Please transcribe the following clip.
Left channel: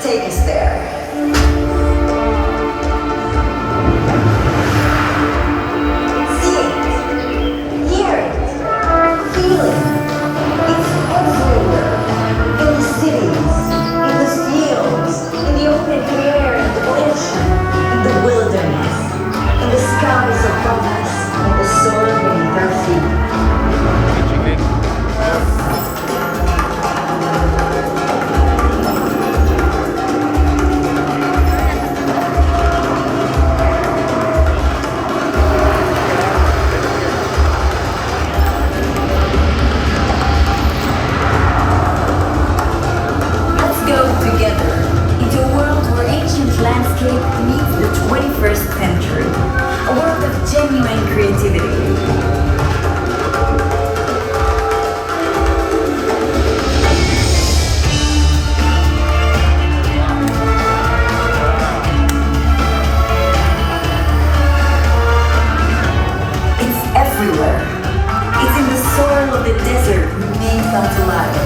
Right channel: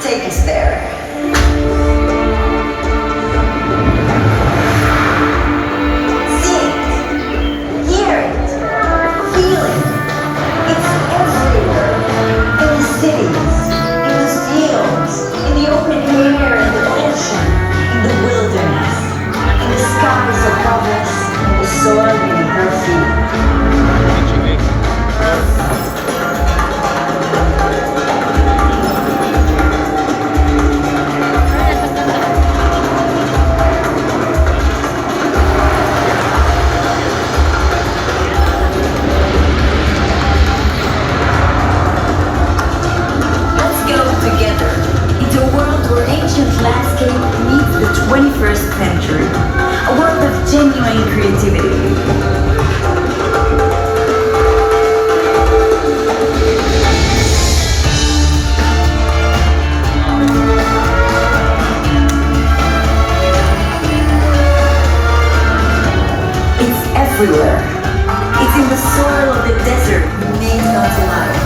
Take us there. See it, hear it, feel it. It's everywhere. In the cities, in the fields, in the open air, in the ocean, in the wilderness, in the skies above us, in the soil beneath our feet. Together into a world where ancient landscape meets the 21st century. A world of genuine creativity. It's everywhere. It's in the soil of the desert made come to life.